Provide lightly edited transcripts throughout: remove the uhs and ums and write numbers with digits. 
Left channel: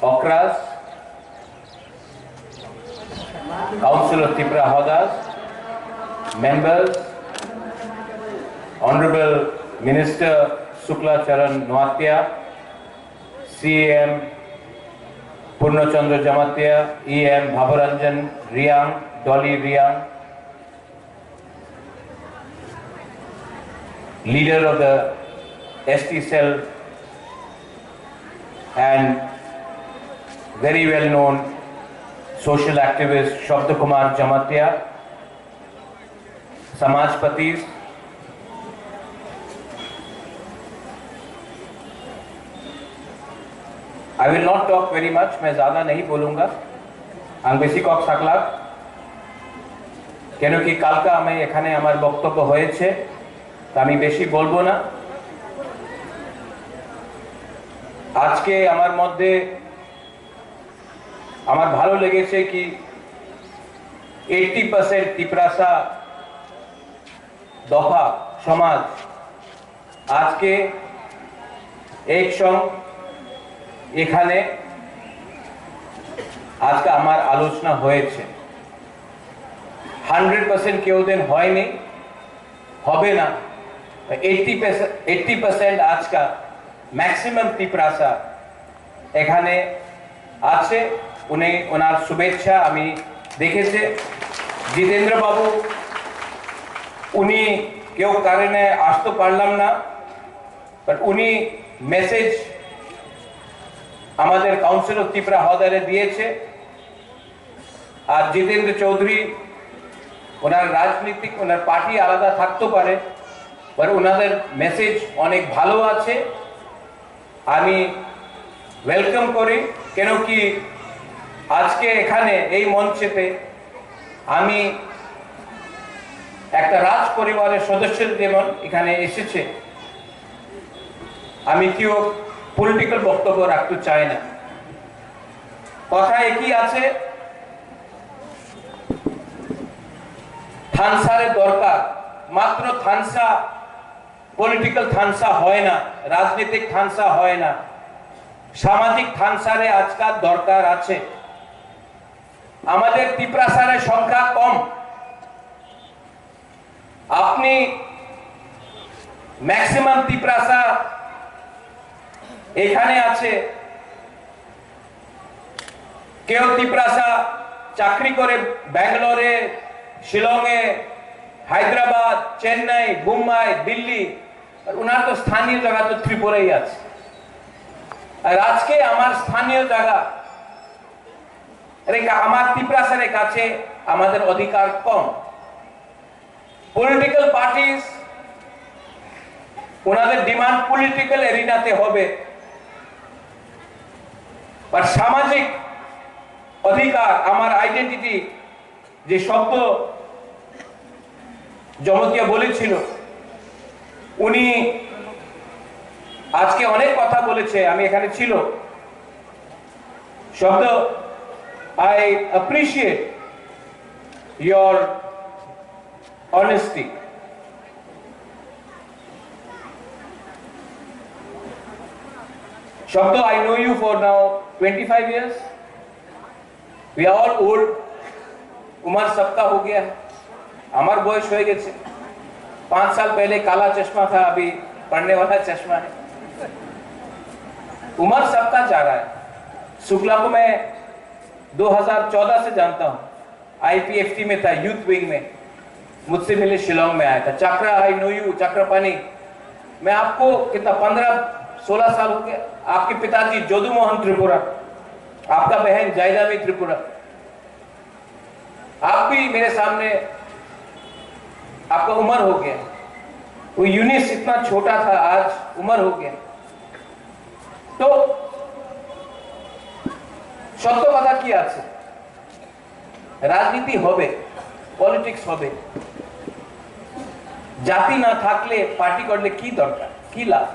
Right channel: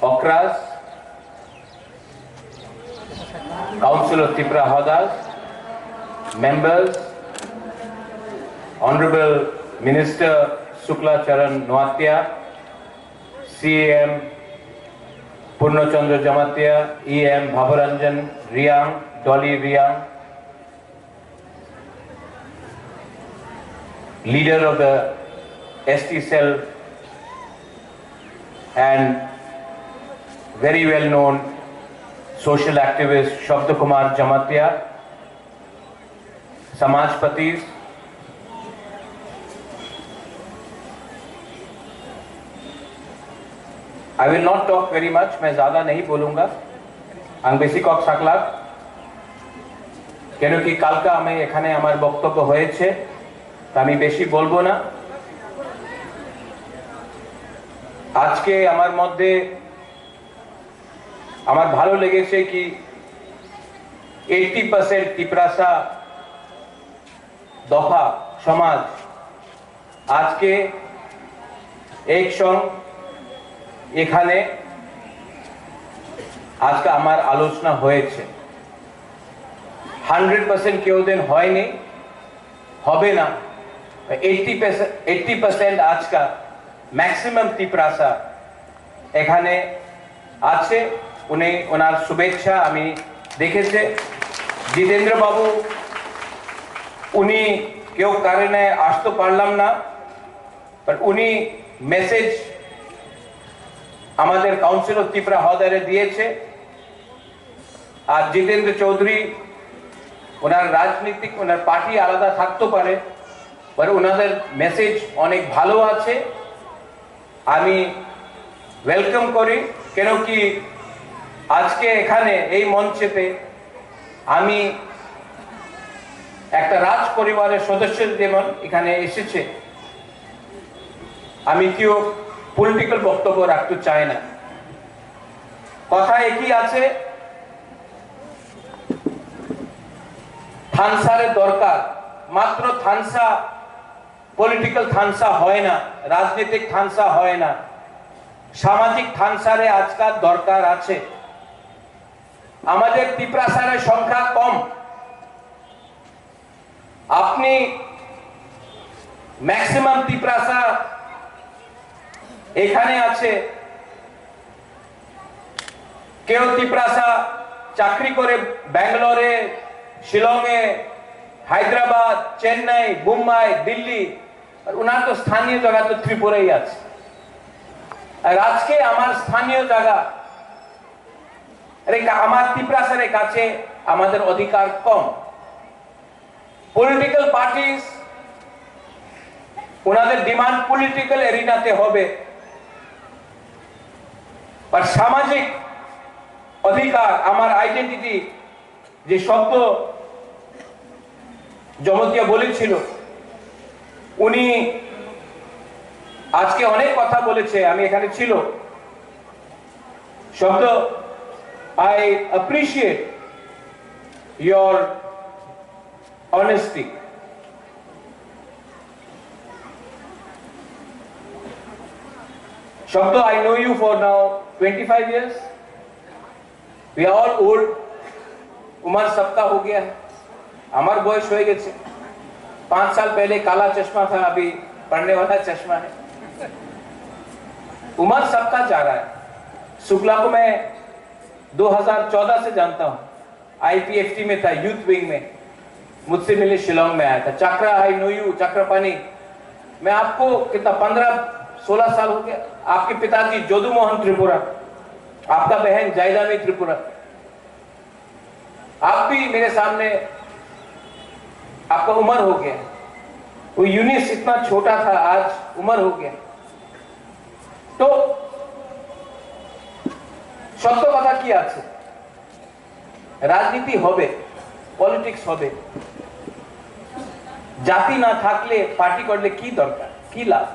Okras, Council of Tiprasa Hodas, members, Honorable Minister Shukla Charan Nukya, CM Purnachandra Jamatia, EM Bhabaranjan Riang, Dolly Riang, leader of the ST cell and very well known social activist Shabda Kumar Jamatia, Samajpatis, I will not talk very much, मैं ज़्यादा नहीं बोलूँगा, आंग बेसी Kock सकला, केनो कि काल का हमें एखाने हमारे बक्तव्य होए छे, तामी बेसी बोलबो ना, आज के हमारे मध्य हमारे भालो लगे छे कि 80% तिप्रासा दफा समाज आज के एक संग एखाने आज का हमार आलोचना होए छे 100% केउ दिन होय नहीं होबे ना 80% आज का मैक्सिमम तिप्रासा एखाने आछे उन्हें उनार शुभेच्छा आमी देखेछे जितेंद्र बाबू उनी केउ कारणे आसते पारलाम ना पर उनी मेसेज আমাদের কাউন্সিল অফ ত্রিপুরা হদারে দিয়েছে আর জিতেন্দ্র চৌধুরী ওনার রাজনীতিক ওনার পার্টি আলাদা থাকতে পারে पर ওনাদের মেসেজ অনেক ভালো আছে আমি ওয়েলকাম করি কেন কি আজকে এখানে এই মঞ্চেতে আমি একটা রাজ পরিবারের সদস্য যেমন এখানে এসেছে আমি কেউ পলিটিক্যাল বক্তব্য রাখতে চাই না কথা একই আছে থানসারে দরকার মাত্র থানসা পলিটিক্যাল থানসা হয় না রাজনৈতিক থানসা হয় না সামাজিক থানসারে আজকাল দরকার আছে আমাদের তিপ্রাসারের সংখ্যা কম আপনি ম্যাক্সিমাম তিপ্রাসা এখানে আছে কেউ তিপ্রাসা চাকরি করে ব্যাঙ্গালোরে শিলংয়ে হায়দ্রাবাদ চেন্নাই মুম্বাই দিল্লি আর ওনার তো স্থানীয় জায়গা তো ত্রিপুরাই আছে আর আজকে আমার স্থানীয় জায়গা আমার তিপ্রাসারের কাছে আমাদের অধিকার কম পলিটিক্যাল পার্টিস ওনাদের ডিমান্ড পলিটিক্যাল এরিনাতে হবে আর সামাজিক অধিকার আমার আইডেন্টিটি যে শব্দ জমতিয়া বলেছিল উনি আজকে অনেক কথা বলেছে আমি এখানে ছিল শব্দ I appreciate your honesty Shobdo, I know you for now 25 years. We are all old. उम्र सबका हो गया है हमार बयस हो गए 5 साल पहले काला चश्मा था अभी पढ़ने वाला चश्मा है उम्र सबका जा रहा है शुक्ला को मैं 2014 से जानता हूँ IPFT में था यूथ विंग में मुझसे मिले शिलोंग में आया था चक्रा आई नो यू चक्रपानी मैं आपको कितना 15-16 साल हो गया आपके पिताजी जोदू मोहन त्रिपुरा आपका बहन जायदामी त्रिपुरा आप भी मेरे सामने आपका उम्र हो गया वो यूनिस इतना छोटा था आज उम्र हो गया तो সত্য কথা কি আছে রাজনীতি হবে পলিটিক্স হবে জাতি না থাকলে পার্টি করলে কি দরকার কি লাভ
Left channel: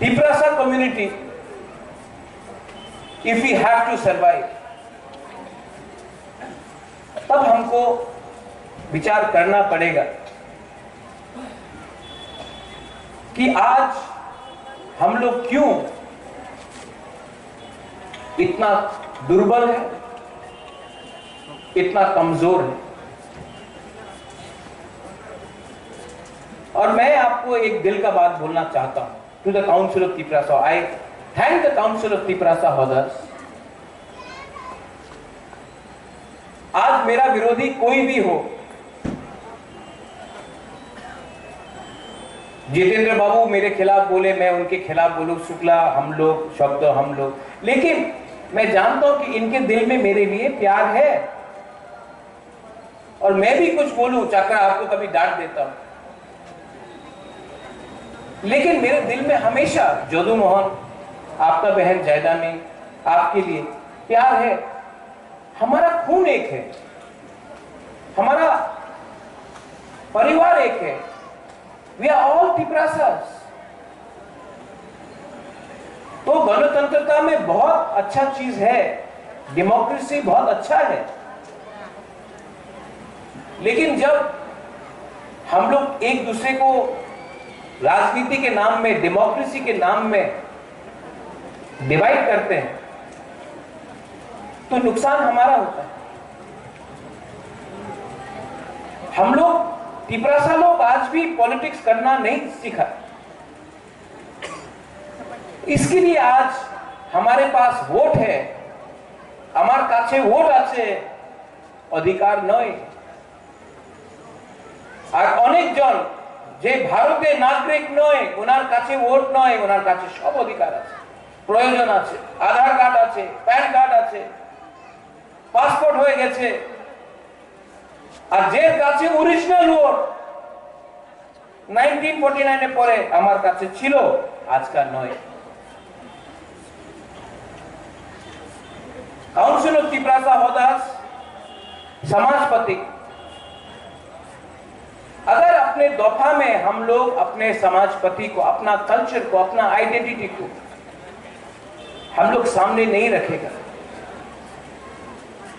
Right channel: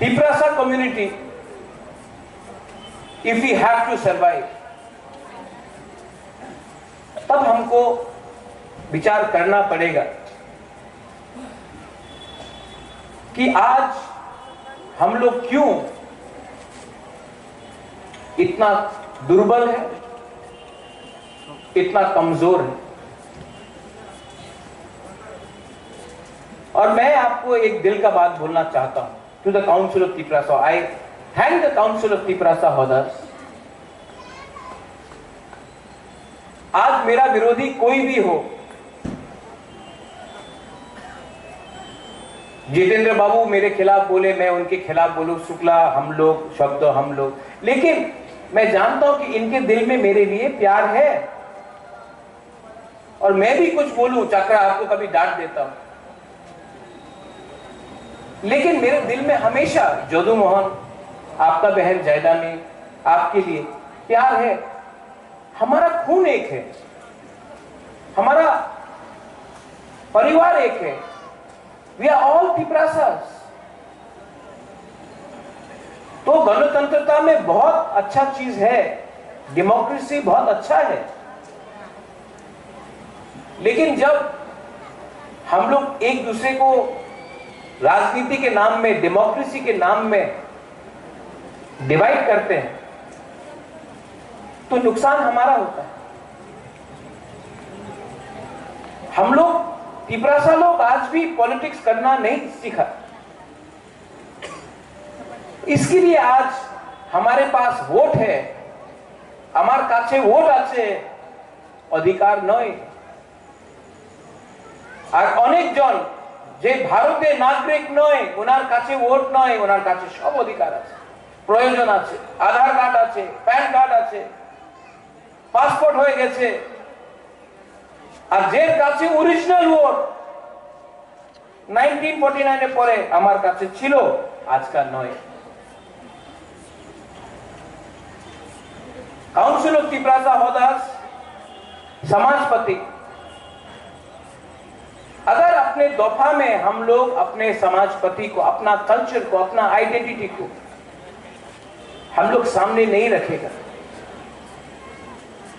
Tiprasa community if we have to survive तब हमको विचार करना पड़ेगा कि आज हम लोग क्यों इतना दुर्बल है, इतना कमजोर है। और मैं आपको एक दिल का बात बोलना चाहता हूं to the council of Tiprasa. I thank the council of Tiprasa Hoda. आज मेरा विरोधी कोई भी हो, जितेंद्र बाबू मेरे खिलाफ बोले, मैं उनके खिलाफ बोलूं, शुक्ला हम लोग, शब्द हम लोग, लेकिन मैं जानता हूं कि इनके दिल में मेरे लिए प्यार है। और मैं भी कुछ बोलूं, चाकरा आपको कभी डांट देता हूं, लेकिन मेरे दिल में हमेशा जोदू मोहन, आपका बहन जयदानी, आपके लिए प्यार है। हमारा खून एक है, हमारा परिवार एक है। We are all Tiprasas. तो गणतंत्रता में बहुत अच्छा चीज है, डेमोक्रेसी बहुत अच्छा है, लेकिन जब हम लोग एक दूसरे को राजनीति के नाम में, डेमोक्रेसी के नाम में डिवाइड करते हैं तो नुकसान हमारा होता है। हम लोग तिपरासा लोग आज भी पॉलिटिक्स करना नहीं सीखा। इसके लिए आज हमारे पास वोट है, हमारे काछे वोट आछे, अधिकार नय। আর অনেকজন যে ভারতের নাগরিক নয়, ওনার কাছে ভোট নয়, ওনার কাছে সব অধিকার আছে, প্রয়োজন আছে, আধার কার্ড আছে, প্যান কার্ড আছে, পাসপোর্ট হয়ে গেছে। আর যে কাছে অরিজিনাল ভোট 1949 এর পরে আমার কাছে ছিল, আজকাল নয়। काउंसिल ऑफ तिपरासा होदास समाजपति, अगर अपने दफा में हम लोग अपने समाजपति को, अपना कल्चर को, अपना आइडेंटिटी को हम लोग सामने नहीं रखेगा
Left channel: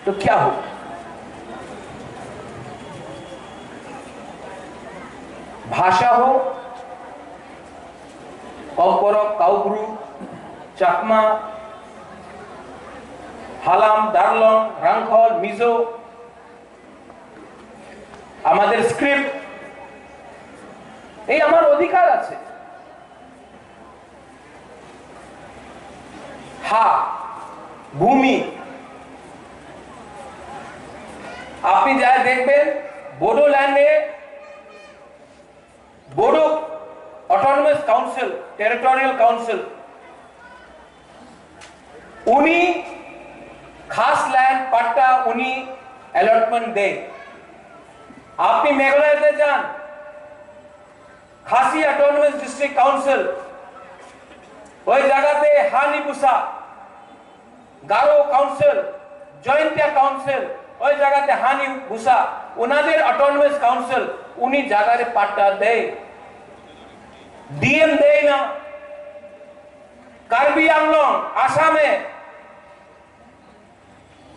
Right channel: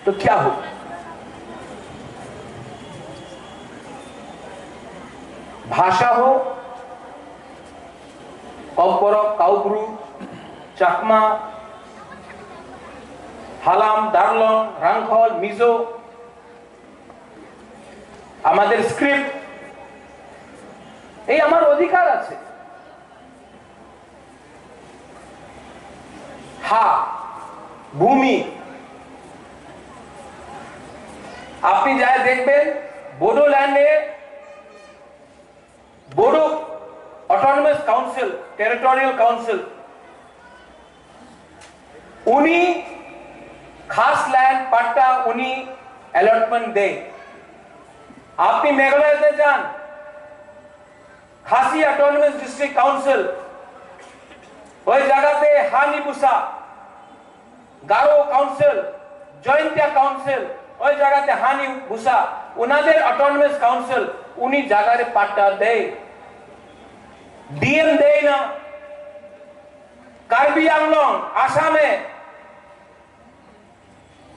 तो क्या होगा? भाषा हो, कौपरक, काउब्रु, चाकमा, हालाम, दारलং, রাংখল, মিজো, আমাদের স্ক্রিপ্ট, এই আমার অধিকার আছে। হা, ভূমি, আপনি যা দেখবেন বোডোল্যান্ডে Bodo autonomous council, territorial council, उन्हीं खास लैंड पट्टा उन्हीं अलॉटमेंट दे। आपनी मेघालय जान, खासी ऑटोनमस डिस्ट्रिक्ट काउंसिल, वही जगह पे हानी बुसा, गारो काउंसिल, जॉइंटिया काउंसिल, वही जगह पे हानी बुसा, उन्होंने ऑटोनमस काउंसिल उन्हीं जगह रे पट्टा दे। डीएम दे ना, कार्बी आंगलों, आसामे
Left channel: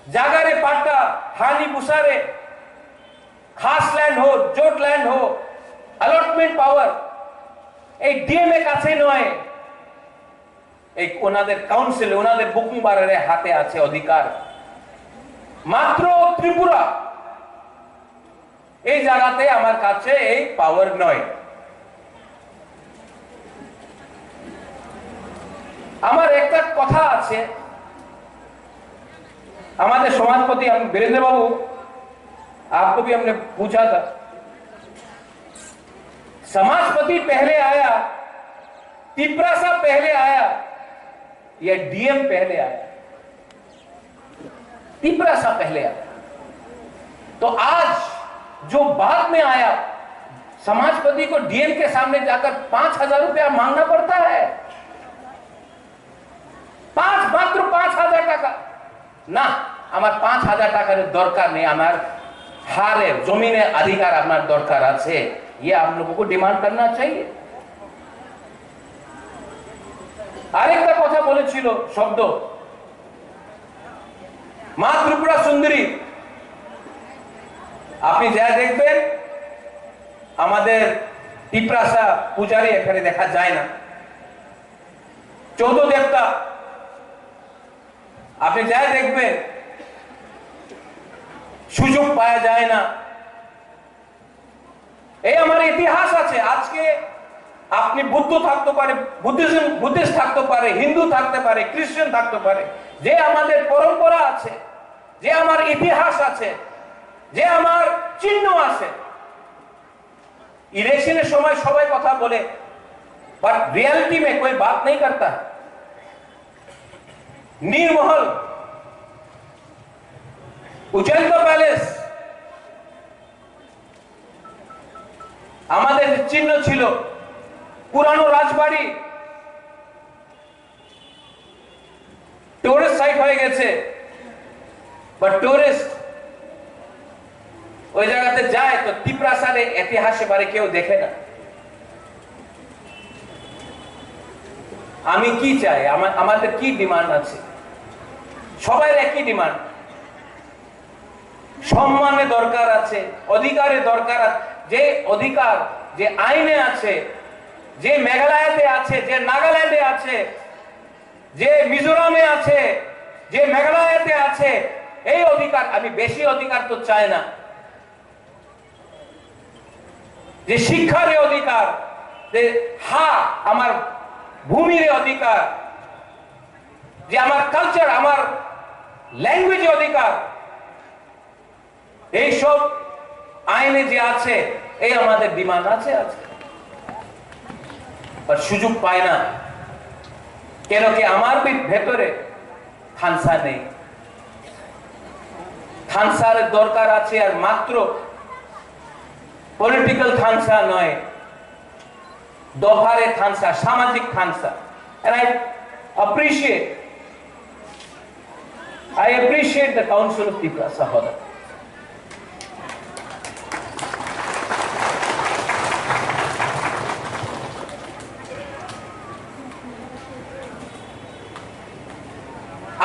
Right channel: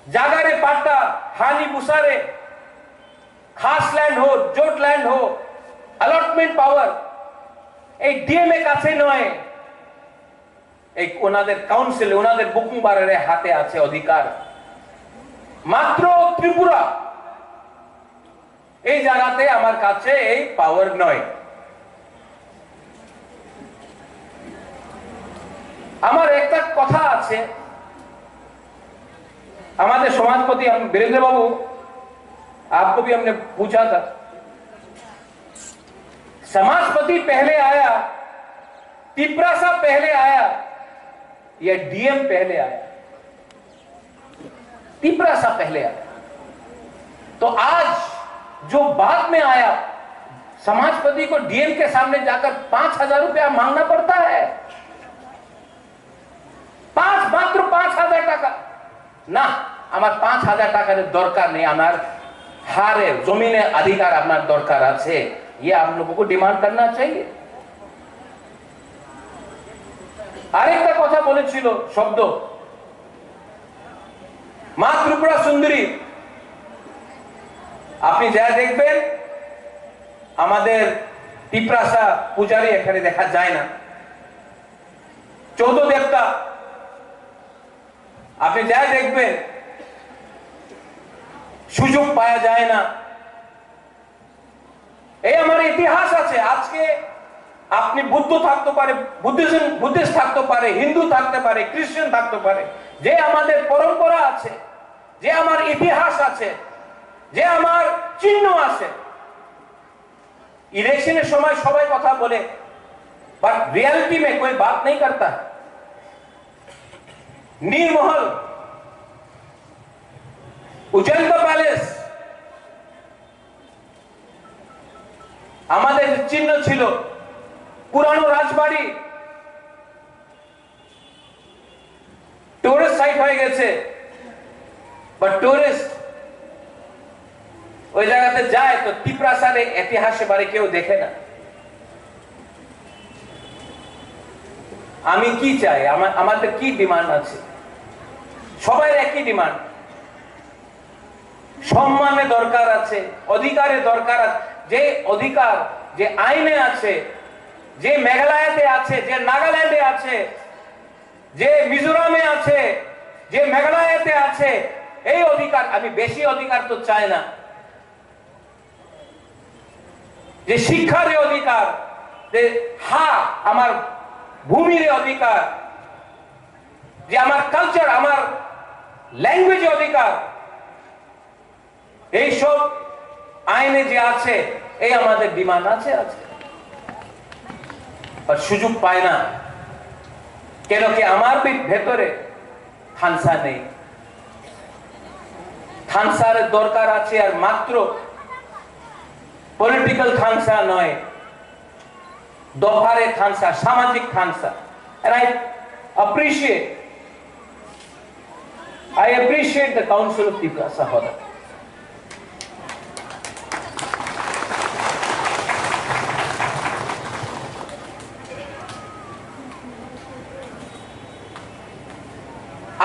जगह रे पट्टा हानी बुसारे, खास लैंड हो, जोट लैंड हो, अलॉटमेंट पावर एक डीएम एक आछे नय, एक ओनादेर काउंसिल, ओनादेर बुकुंबारेर हाथे आछे अधिकार। मात्र त्रिपुरा এই জায়গাতে আমার কাছে এই পাওয়ার নয়। আমার একটা কথা আছে, हमारे समाजपति वीरेंद्र बाबू, आपको भी हमने पूछा था, समाजपति पहले आया, तिपरासा पहले आया या डीएम पहले आया? तिपरासा पहले आया। तो आज जो बाद में आया, समाजपति को डीएम के सामने जाकर 5,000 रुपया मांगना पड़ता है। मात्र 5,000 টাকা ना, আমার 5,000 টাকার দরকার নেই, আমার হারে জমিনে अधिकार আপনার দরকার আছে, ये आप लोगों को डिमांड करना चाहिए। আরেকটা কথা বলেছিল শব্দ, মা ত্রিপুরা সুন্দরী, আপনি যা দেখবেন আমাদের তিপ্রাসা পূজারী এখানে দেখা যায় না। চৌদ্দ দেবতা আপনি যাই দেখবেন সুযোগ পাওয়া যায় না। এই আমার ইতিহাস আছে। আজকে আপনি বুদ্ধ থাকতে পারে, বুদ্ধিস্ট থাকতে পারে, হিন্দু থাকতে পারে, খ্রিস্টান থাকতে পারে, যে আমাদের পরম্পরা আছে, যে আমার ইতিহাস আছে, যে আমার চিহ্ন আছে। इलेक्शনের সময় সবাই কথা বলে, पर रियलिटी में कोई बात नहीं करता। नीरमहल, उज्जैन पैलेस আমাদের চিহ্ন ছিল। পুরানো রাজবাড়ি টুরিস্ট সাইট হয়ে গেছে, বাট টুরিস্ট ওই জায়গাতে যায় তো তিপ্রাসাদের ইতিহাসে বারে কেউ দেখে না। আমি কি চাই, আমাদের কি ডিমান্ড আছে? সবাই একই ডিমান্ড, সম্মানের দরকার আছে, অধিকারের দরকার আছে। যে অধিকার যে আইনে আছে, যে মেঘালয়তে আছে, যে নাগাল্যান্ডে আছে, যে মিজোরামে আছে, যে মেঘালয়তে আছে, এই অধিকার। আমি বেশি অধিকার তো চাই না। যে শিক্ষার অধিকার, যে আমার ভূমির অধিকার, যে আমার কালচার, আমার ল্যাঙ্গুয়েজ অধিকার, এই সব আইনে যে আছে, এই আমাদের ডিমান্ড আছে। আর সুযোগ পায় না কেন? কি আমার ভেতরে খানসা নেই। খানসার দরকার আছে, আর মাত্র পলিটিক্যাল খানসা নয়, দফারে খানসা, সামাজিক খানসা। And I appreciate the Council of Tiprasa Hoda.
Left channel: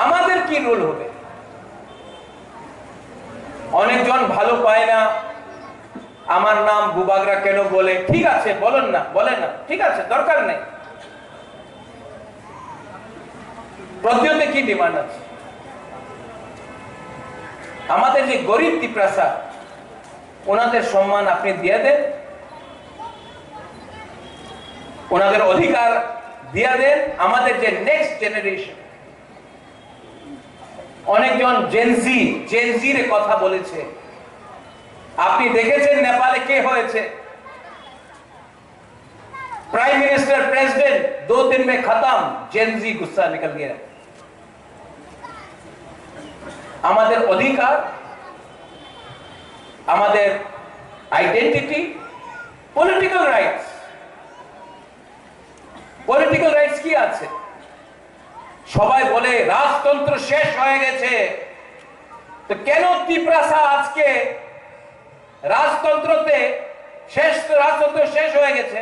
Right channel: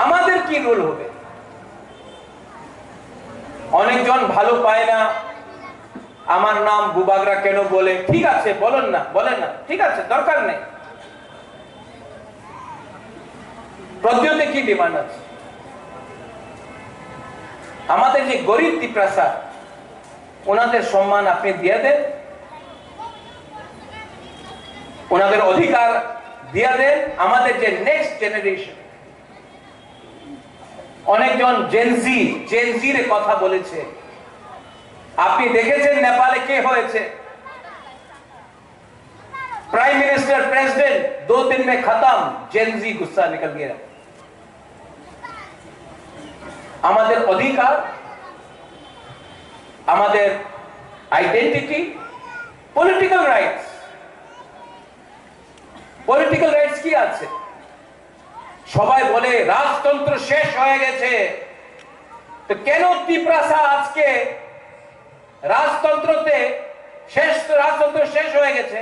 আমাদের কি রোল হবে? অনেকজন ভালো পায় না, আমার নাম বুবাগ্রা কেন বলে। ঠিক আছে, বলেন না, ঠিক আছে, দরকার নেই। প্রদ্যোতে কি ডিমান্ড আছে? আমাদের যে গরিব তিপ্রাসা, ওনাদের সম্মান আপনি দিয়ে দেন, ওনাদের অধিকার দিয়ে দেন। আমাদের যে নেক্সট জেনারেশন, অনেকজন জেনজির কথা বলেছে। আপনি দেখেছেন নেপালে কে হয়েছে? प्राइम मिनिस्टर, प्रेसिडेंट 2 दिन में खत्म। जेनजी गुस्सा निकल गया। আমাদের অধিকার, আমাদের আইডেন্টিটি, পলিটিক্যাল রাইটস কি আছে? সবাই বলে রাজতন্ত্র শেষ হয়ে গেছে, তো কেন তিপ্রাসা আজকে রাজতন্ত্র শেষ হয়ে গেছে,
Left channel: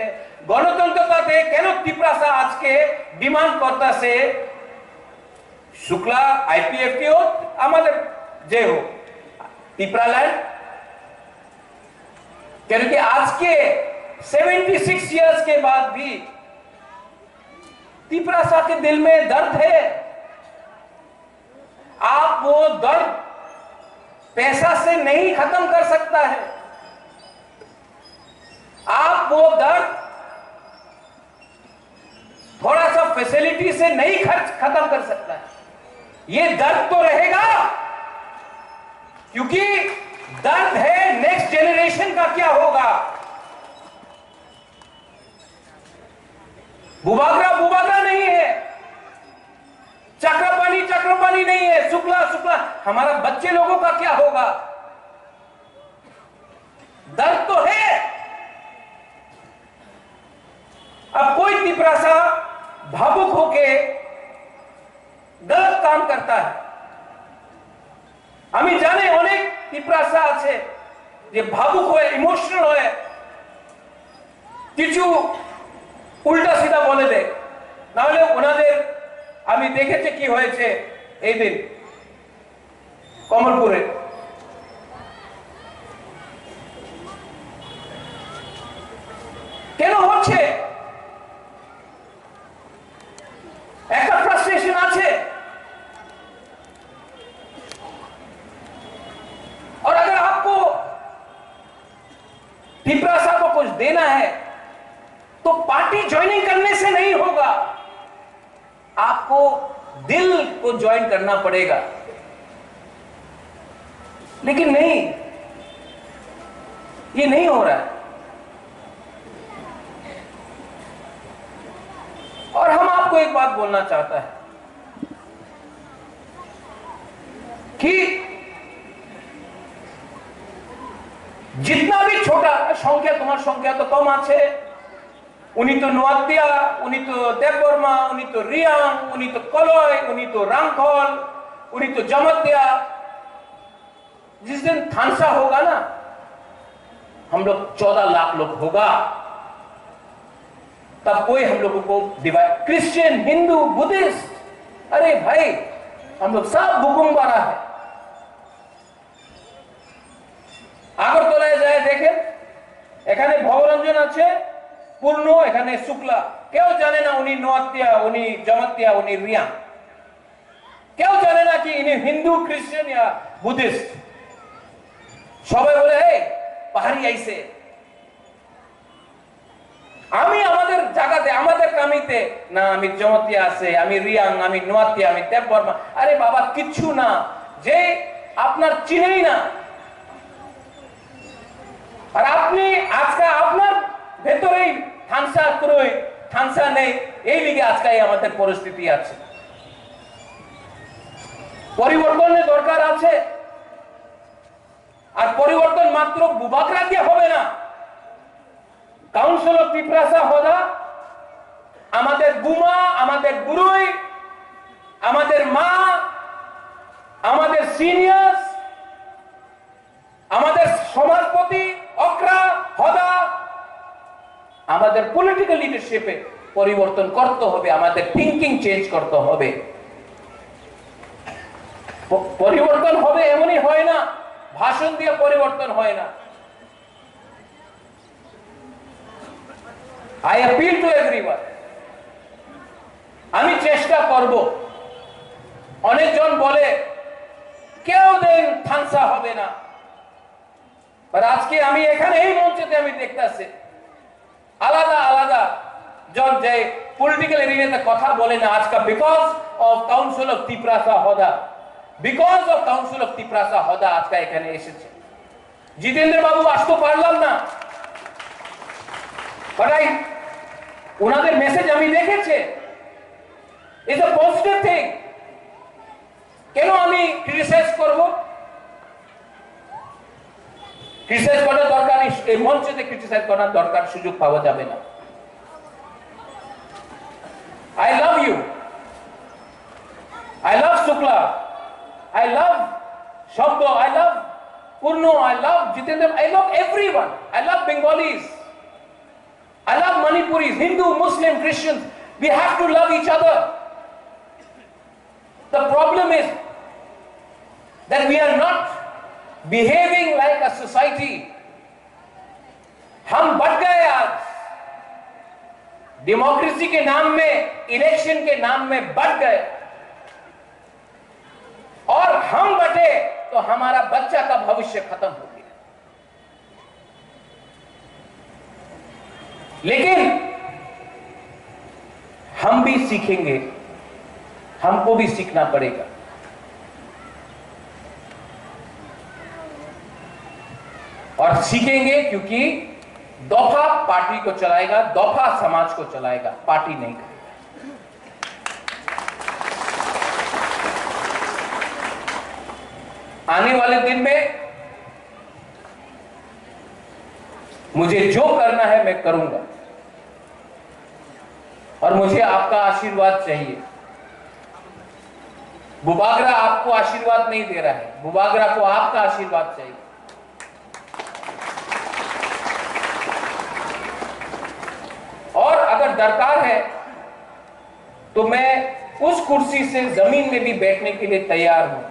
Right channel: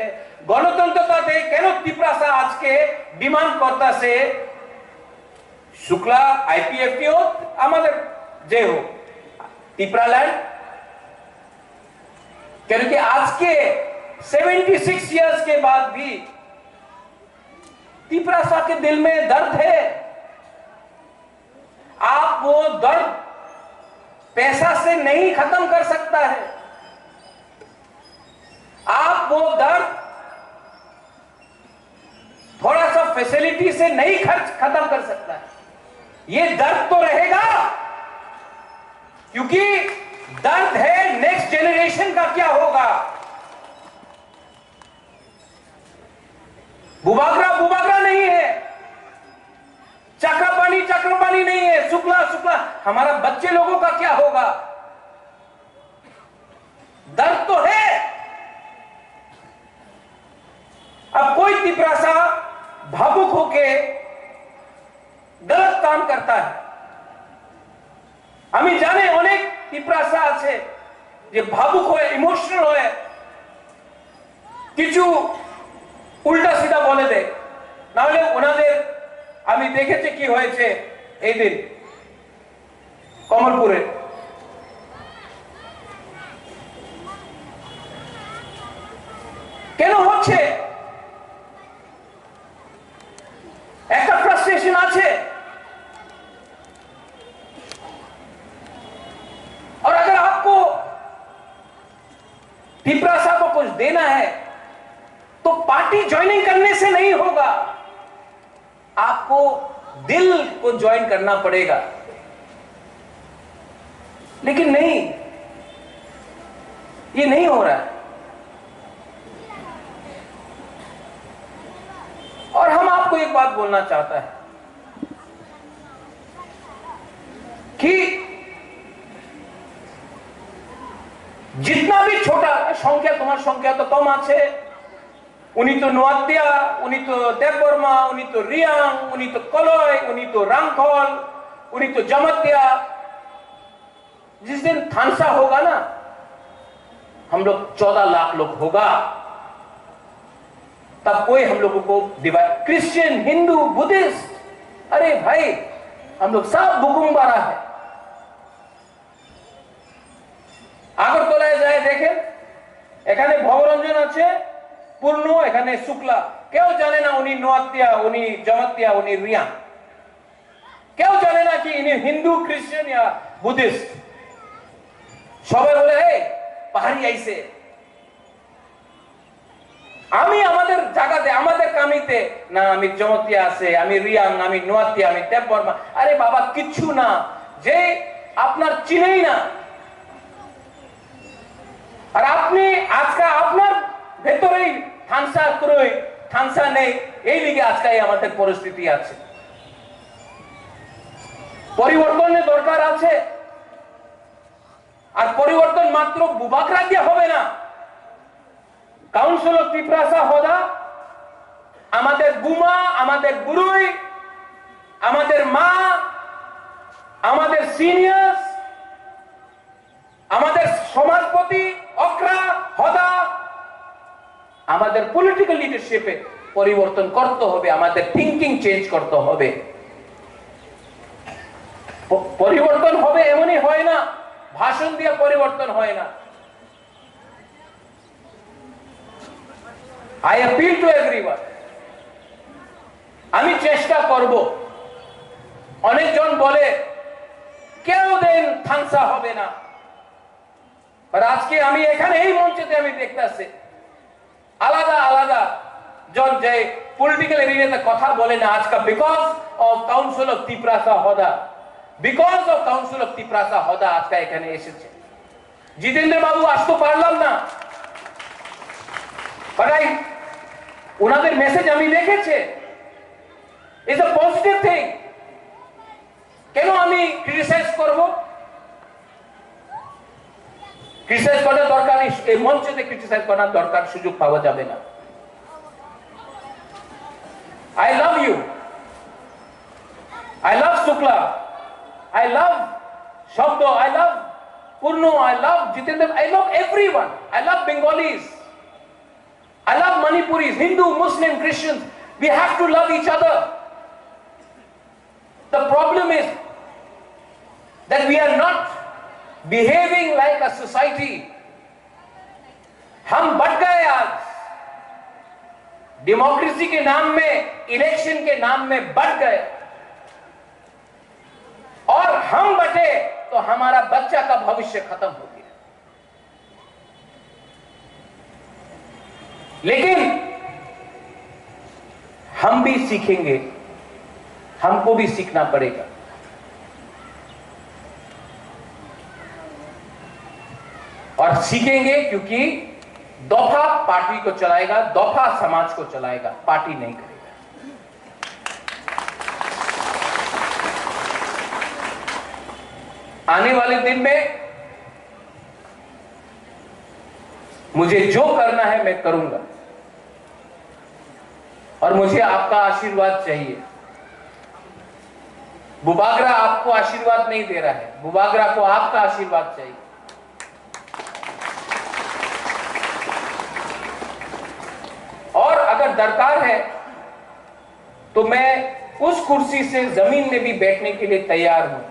গণতন্ত্রতে কেন তিপ্রাসা আজকে ডিমান্ড করতেছে? शुक्ला आईपीएफटी हो, আমাদের যে হোক, টিপ্রাল্যান্ড, क्योंकि आज के 76 इयर्स के बाद भी तिप्रासा के दिल में दर्द है। आप वो दर्द पैसा से नहीं खत्म कर सकता है। आप वो दर्द थोड़ा सा फैसिलिटी से नहीं खत्म कर सकता है। ये दर्द तो रहेगा, क्योंकि दर्द है नेक्स्ट जेनरेशन का क्या होगा। बुबाग्रा नहीं है, चक्रपाणी नहीं है, शुक्ला हमारा बच्चे लोगों का क्या होगा। दर्द तो है। अब कोई तिप्रासा भावुक होके गलत काम करता है। আমি জানি অনেক তিপ্রাসা আছে যে ভাবুক হয়ে, ইমোশনাল হয়ে কিছু উল্টা সিধা বলে দেয়। না হলে ওনাদের আমি দেখেছি কি হয়েছে এই দিন কমলপুরে। কেন হচ্ছে? একটা ফ্রাস্ট্রেশন আছে। और अगर आपको तिपरासा को कुछ देना है तो पार्टी ज्वाइनिंग करने से नहीं होगा, आपको दिल को ज्वाइन करना पड़ेगा। लेकिन नहीं, ये नहीं हो रहा है। और हम आपको एक बात बोलना चाहता है कि जितना भी छोटा संख्या, तुम्हार संख्या तो कम आछे, उनी तो नोक्या, उनी तो देबबर्मा, उनी तो रियांग, उनी तो कलय, उनी तो रांखल, उनी तो जमत्या। जिस दिन थानसा होगा ना, हम लोग 14 लाख लोग होगा, तब कोई हम लोगों को डिवाइड, क्रिश्चियन, हिंदू, बुद्धिस्ट, अरे भाई हम लोग सब बुकुम्बारा है। আগরতলায় যায় দেখেন, এখানে ভবরঞ্জন আছে পূর্ণ, এখানে শুক্লা, কেউ জানে না উনি নোয়াতিয়া, উনি জমাতিয়া, উনি রিয়া, কেউ জানে না কি ইনি হিন্দু, খ্রিস্টান या বুদ্ধিস্ট। সবাই বলে এই পাহাড়ি আইছে। আমি আমাদের জায়গাতে, আমাদের কামিতে না, আমি জমাতিয়া আছে, আমি রিয়াং, আমি নোয়াতিয়া, আমি দেববর্মা। আরে বাবা কিচ্ছু না, যে আপনার চিনেই না। আর আপনি আজকে আপনার ভেতরেই থানসা ক্রয়, থানসা নেই, এই লিগে আজকে আমাদের পরিস্থিতি আছে। পরিবর্তনের দরকার আছে। আর পরিবর্তন মাত্র বুবাগ্রা দিয়ে হবে না। কাউন্সিল অফ তিপ্রাসা হোদা আমাদের বুমা, আমাদের গুরুই, আমাদের মা, আমাদের সিনিয়র্স, আমাদের সমাজপতি অক্রা হোদা, আমাদের পলিটিক্যাল লিডারশিপে পরিবর্তন করতে হবে, আমাদের থিংকিং চেঞ্জ করতে হবে। পরিবর্তন হবে এমনই হয় না, ভাষণ দিয়ে পরিবর্তন হয় না। I appeal to everyone, আমি চেষ্টা করব। অনেকজন বলে কেউ দিন থানসা হবে না, আর আজকে আমি এখানে এই মঞ্চেতে আমি দেখতেছি আলাদা আলাদা জন যে পলিটিক্যাল এরিয়াতে কথা বলে না, আজকে because of council of Tiprasa Hoda, because of council of Tiprasa Hoda আজকে এখানে এসেছে। জিতেন্দ্র বাবু আসতে পারলাম না, বাট ওনাদের মেসেজ আমি দেখেছি, ইজ আ পজিটিভ থিং। কেন আমি ক্রিটিসাইজ করব? ক্রিটিসাইজ করার দরকার নেই, এই মঞ্চে ক্রিটিসাইজ করার দরকার, সুযোগ পাওয়া যাবে না। I love you, I love Shukla, I love Shabdo, I love Purno, I love Jitendra, I love everyone, I love Bengalis, I love Manipuris, Hindu, Muslim, Christians. We have to love each other. The problem is that we are not behaving like a society. हम बढ़ गए आज, democracy के नाम में, election के नाम में बढ़ गए, और हम बटे तो हमारा बच्चा का भविष्य खत्म हो गया। लेकिन हम भी सीखेंगे, हमको भी सीखना पड़ेगा। और सीखेंगे क्योंकि दफा पार्टी को चलाएगा, दफा समाज को चलाएगा, पार्टी नहीं करेगा। आने वाले दिन में मुझे जो करना है मैं करूंगा, और मुझे आपका आशीर्वाद चाहिए। बुबाग्रा आपको आशीर्वाद नहीं दे रहा है, बुबाग्रा को आपका आशीर्वाद चाहिए। और अगर दरकार है तो मैं उस कुर्सी से जमीन में भी बैठने के लिए तैयार हूं,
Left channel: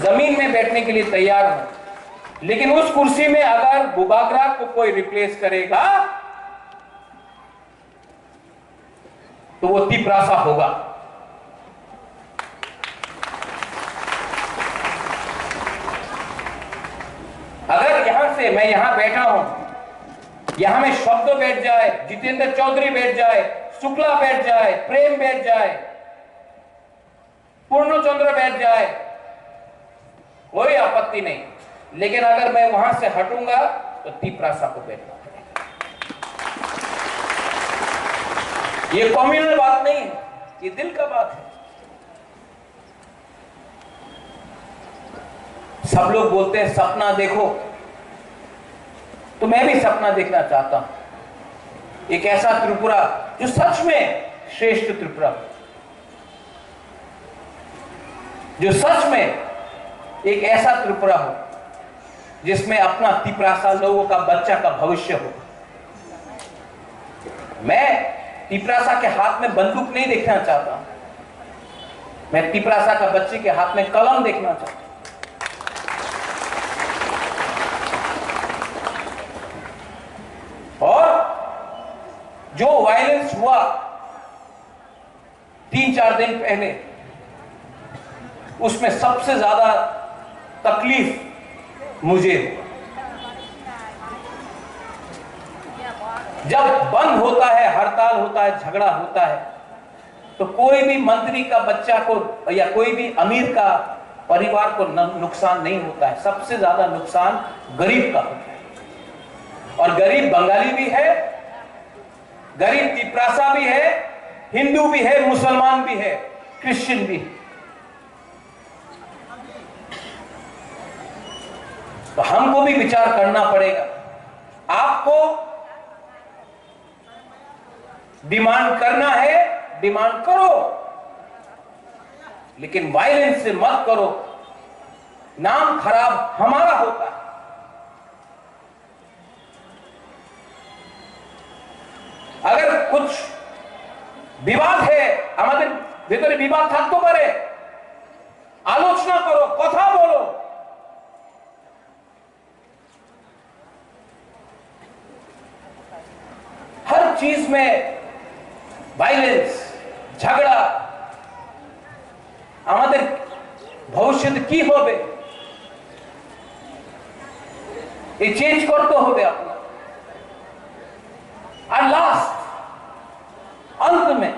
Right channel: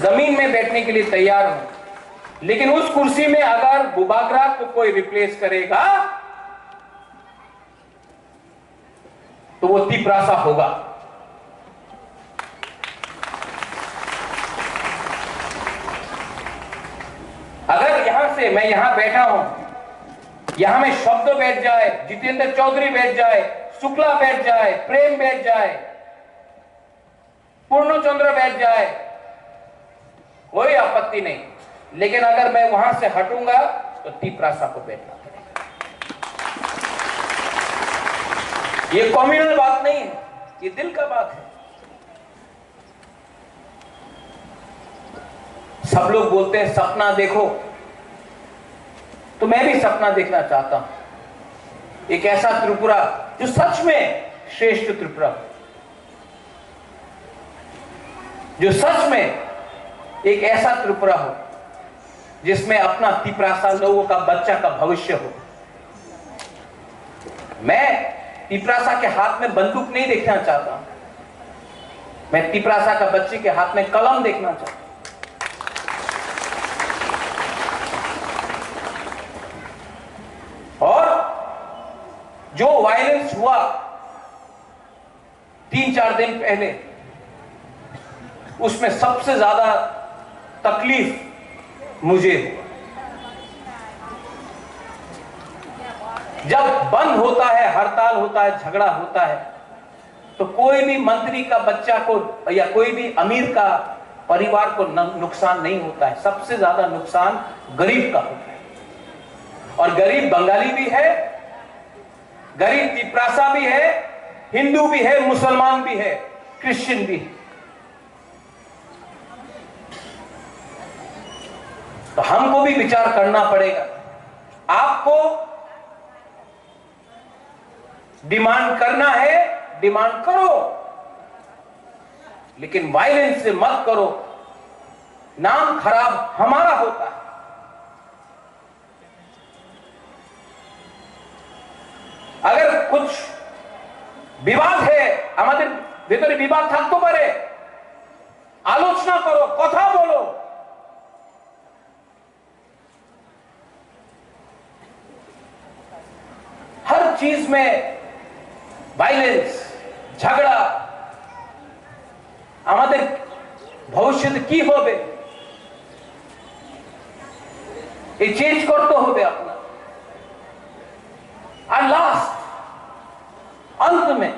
जमीन में बैठने के लिए तैयार हूं। लेकिन उस कुर्सी में अगर बुबाग्रा को कोई रिप्लेस करेगा तो वो तिप्रासा होगा। अगर यहां से मैं यहां बैठा हूं, यहां में शब्द बैठ जाए, जितेंद्र चौधरी बैठ जाए, शुक्ला बैठ जाए, प्रेम बैठ जाए, पूर्णचंद्र बैठ जाए, कोई आपत्ति नहीं। लेकिन अगर मैं वहां से हटूंगा तो तिप्रासा को बैठना पड़ेगा। ये कम्युनल बात नहीं है, ये दिल का बात है। सब लोग बोलते हैं सपना देखो, तो मैं भी सपना देखना चाहता हूं। एक ऐसा त्रिपुरा जो सच में श्रेष्ठ त्रिपुरा, जो सच में एक ऐसा त्रिपुरा हो जिसमें अपना तिप्रासा लोगों का बच्चा का भविष्य हो। मैं तिप्रासा के हाथ में बंदूक नहीं देखना चाहता, मैं तिप्रासा का बच्चे के हाथ में कलम देखना चाहता हूं। और जो वायलेंस हुआ 3-4 दिन पहले, उसमें सबसे ज्यादा तकलीफ मुझे, जब बंद होता है, हड़ताल होता है, झगड़ा होता है, तो कोई भी मंत्री का बच्चा को या कोई भी अमीर का परिवार को नुकसान नहीं होता है। सबसे ज्यादा नुकसान गरीब का होता है। और गरीब बंगाली भी है, गरीब तिप्रासा भी है, हिंदू भी है, मुसलमान भी है, क्रिश्चियन भी है। तो हमको भी विचार करना पड़ेगा। आपको डिमांड करना है, डिमांड करो, लेकिन वायलेंस से मत करो। नाम खराब हमारा होता है। अगर कुछ विवाद है, हमारे भीतर विवाद থাকতে পারে, आलोचना करो, कथा बोलो। हर चीज में वायलेंस, झगड़ा, हमारे भविष्य की होबे, ये चेंज करते होबे अपना। और लास्ट अंत में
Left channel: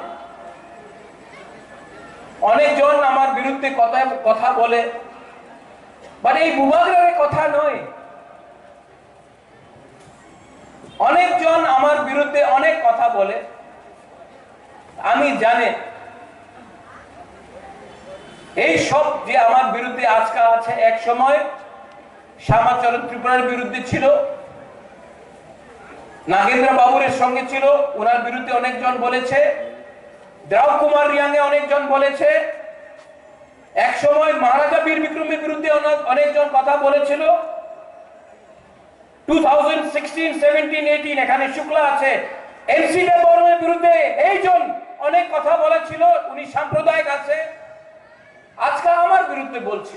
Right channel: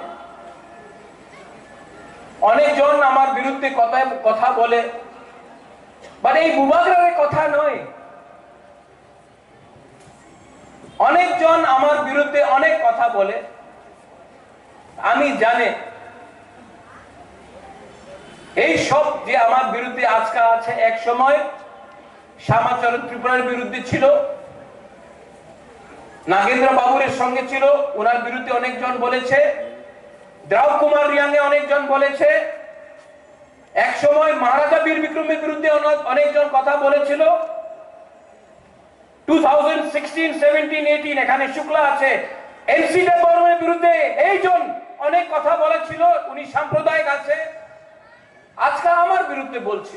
अनेक जन आमार बिरुद्धे कथा बोले, बाट এই বুবাগ্রার কথা নয়। অনেক জন আমার বিরুদ্ধে অনেক কথা বলে, আমি জানি এই সব যে আমার বিরুদ্ধে আজকে আছে, এক সময় শ্যামাচরণ ত্রিপুরার বিরুদ্ধে ছিল, নাগেন্দ্র বাবুরের সঙ্গে ছিল, ওনার বিরুদ্ধে অনেকজন বলেছে, দ্রাউ কুমার রিয়াংয়ে অনেকজন বলেছে, এক সময় মহারাজা বীর বিক্রমের বিরুদ্ধে অনেকজন কথা বলেছিল। 2016, 17, 18 এখানে শুক্লা আছে, এমসি দেববর্মার বিরুদ্ধে এইজন অনেক কথা বলেছিল, উনি সাম্প্রদায়িক আছে, আজকে আমার বিরুদ্ধে বলছে।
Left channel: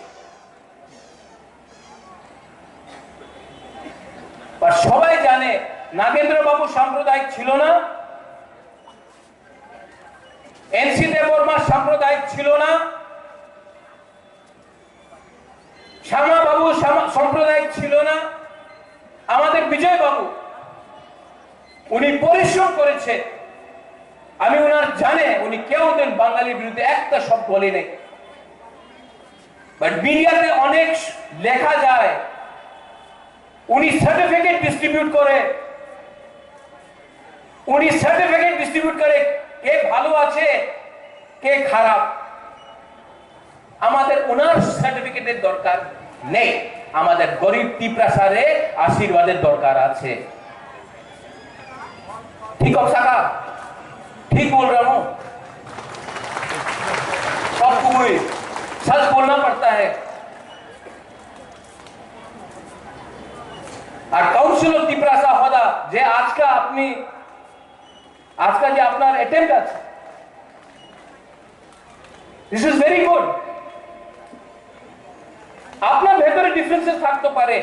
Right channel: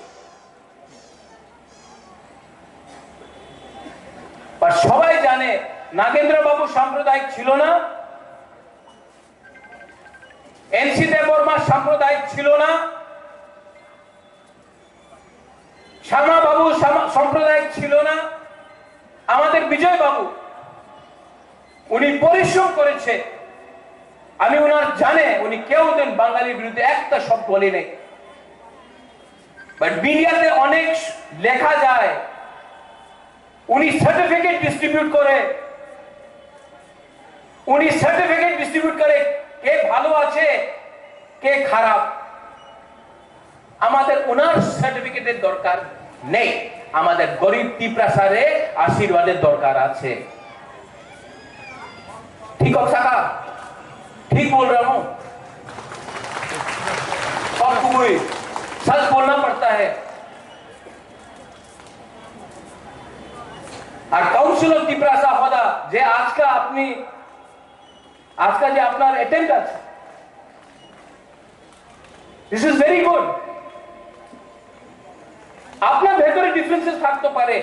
আর সবাই জানে নাগেন্দ্র বাবু সাম্প্রদায়িক ছিল না, এনসি দেববর্মা সাম্প্রদায়িক ছিল না, শ্যামা বাবু সাম্প্রদায়িক ছিল না। আমাদের বিজয় বাবু উনি পরিশ্রম করেছে, আমি ওনার জানে, উনি কেউ দিন বাঙালির বিরুদ্ধে একটা শব্দ বলে নেই। বাট মিডিয়াতে অনেক লেখা যায় উনি সার্টিফিকেট ডিস্ট্রিবিউট করে, উনি সার্টিফিকেট ডিস্ট্রিবিউট করে কে ভালো আছে কে খারাপ। আমাদের ওনার সার্টিফিকেটের দরকার নেই, আমাদের গরিব তিপ্রাসারে आशीर्वादेर दरकार আছে। ठीक हो साका? ठीक बोल रहा हूं? सबको सच बोलना पड़ता है। और काउंसिल ऑफ तिप्रासा होदा जे आज का जे আপনার अटेम्प्ट আছে, दिस इज वेरी गुड। আপনার ভেতরে ডিফারেন্সেস থাকতে পারে,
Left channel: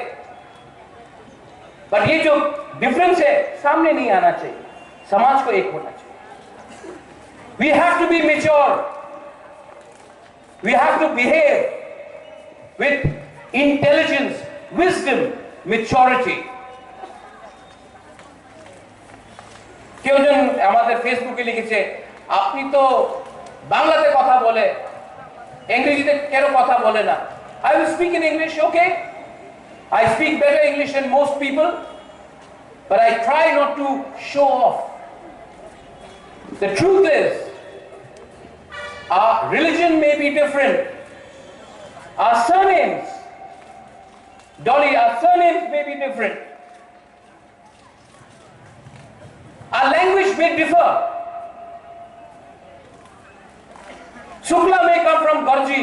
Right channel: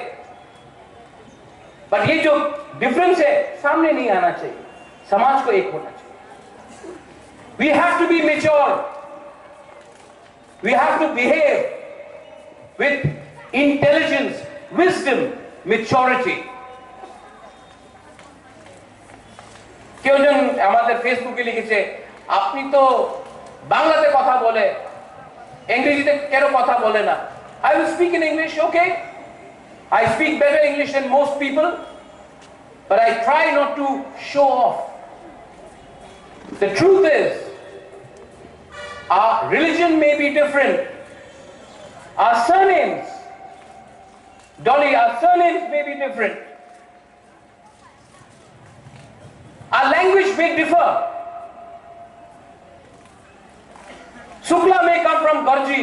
बट ये जो डिफरेंस है सामने नहीं आना चाहिए, समाज को एक होना चाहिए। We have to be mature, we have to behave with intelligence, wisdom, maturity. কেউ জন আমাদের ফেসবুকে লিখেছে আপনি তো বাংলাতে কথা বলে ইংরেজিতে কেন কথা বলে না? I will speak in English, okay? I speak better English than most people, but I try not to show off. The truth is, our religion may be different. Our surnames, Dolly, our surnames may be different. Our language may differ. Shukla may come from Garji,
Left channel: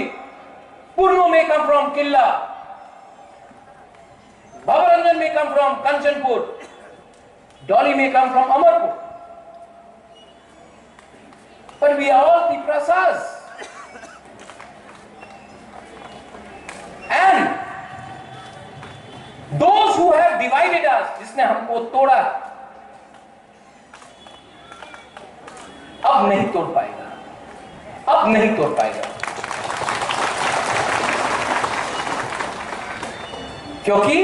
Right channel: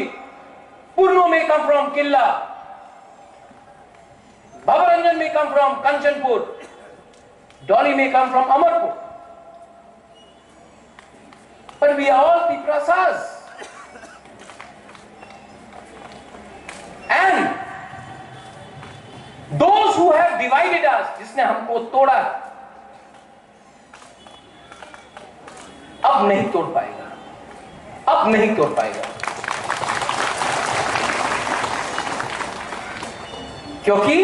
Purno may come from Killa, Bhavaranjan may come from Kanchanpur, Dolly may come from Amarpur. But we are all Tiprasas. And those who have divided us, जिसने हमको तोड़ा, अब नहीं तोड़ पाएगा, अब नहीं तोड़ पाएगा, क्योंकि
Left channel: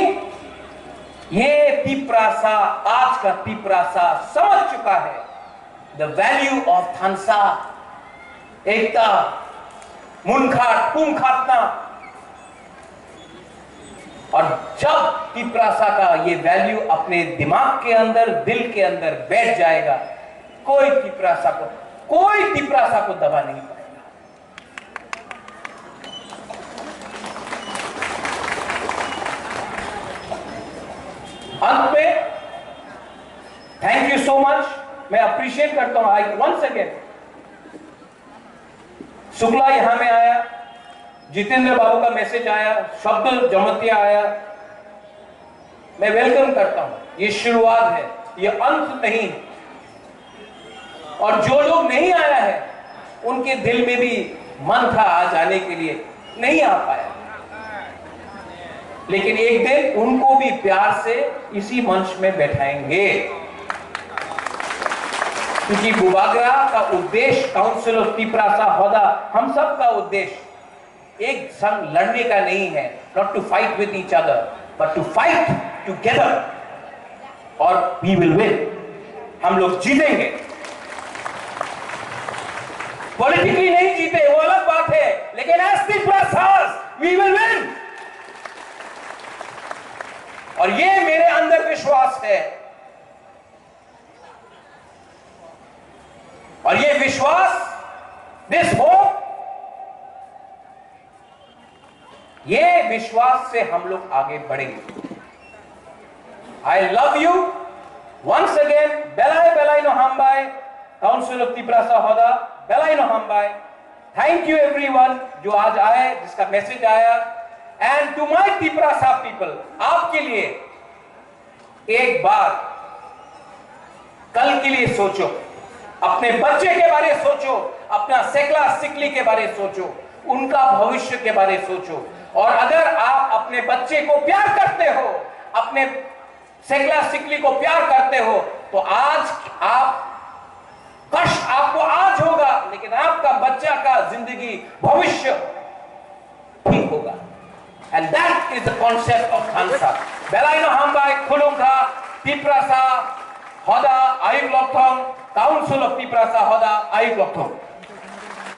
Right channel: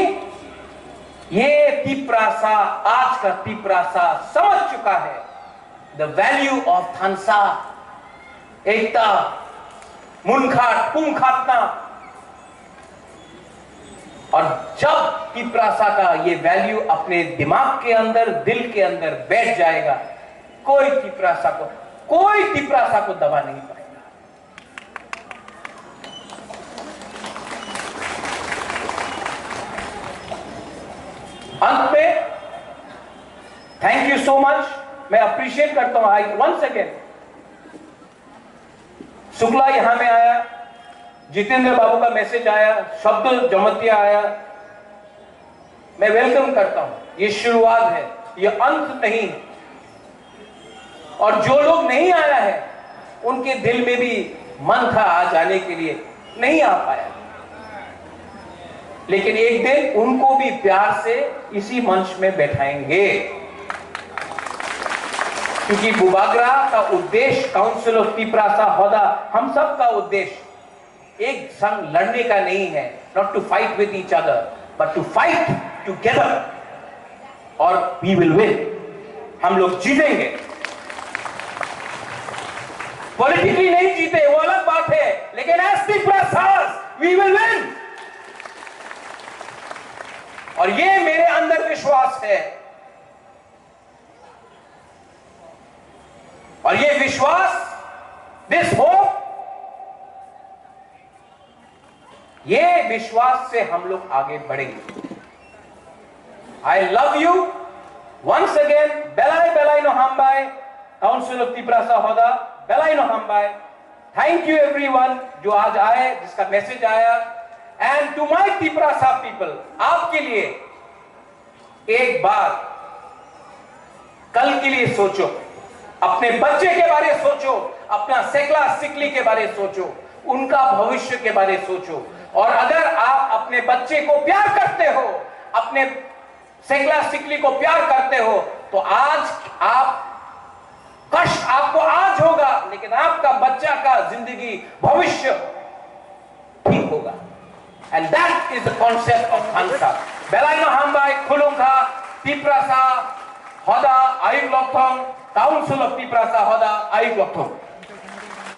ये तिप्रासा, आज का तिप्रासा समझ चुका है द वैल्यू ऑफ थानसा, एकता, मुनखाट, पुंखाटना। और जब तिप्रासा का ये वैल्यू अपने दिमाग के अंदर, दिल के अंदर बैठ जाएगा, कोई तिप्रासा को दबा नहीं पाएगा। अंत में थैंक यू सो मच, मैं अप्रिशिएट करता हूं। आई वंस अगेन, शुक्ला यहां में आया, जितेंद्र बाबू का मैसेज आया, शब्द जमतिया आया, मैं वेलकम करता हूं। ये शुरुआत है, ये अंत नहीं। और जो लोग नहीं आया है उनके दिल में भी मन था आ जाने के लिए, नहीं आ पाया, लेकिन एक दिन उनको भी प्यार से इसी मंच में बैठाएंगे, क्योंकि बुबाग्रा का उद्देश्य, काउंसिल ऑफ तिप्रासा होदा, हम सब का उद्देश्य एक संग लड़ने का नहीं है, not to fight with each other but to fight together, और वी विल विन, हम लोग जीतेंगे। पॉलिटिकली नहीं जीते वो अलग बात है, लेकिन एज तिप्रासास वी विल विन, और ये मेरे अंदर विश्वास है। और ये विश्वास, दिस होप, ये विश्वास से हम लोग आगे बढ़ेंगे। I love you once again, बेलाई नो हमबाई, काउंसिल ऑफ तिप्रासा होदा, बेलाई नो हमबाई। थैंक यू एवरीवन जो आज आए, जिसका मैसेज आया। And to my Tiprasa people, आपके लिए एक बार कल के लिए सोचो, अपने बच्चे के बारे में सोचो, अपना सेकला सिकली के बारे में सोचो, उनका भविष्य के बारे में सोचो। और अगर आप अपने बच्चे को प्यार करते हो, अपने सेकला सिकली को प्यार करते हो, तो आज आप, कष्ट आपको आज होगा, लेकिन आपका बच्चा का जिंदगी, भविष्य ठीक होगा। And that is the concept of Khansa. Belaino Hambai, Khwlungkha, Tiprasa, Hoda, NaiywiTongnairok, Council of Tiprasa, Hoda, NaiywiTongnairok.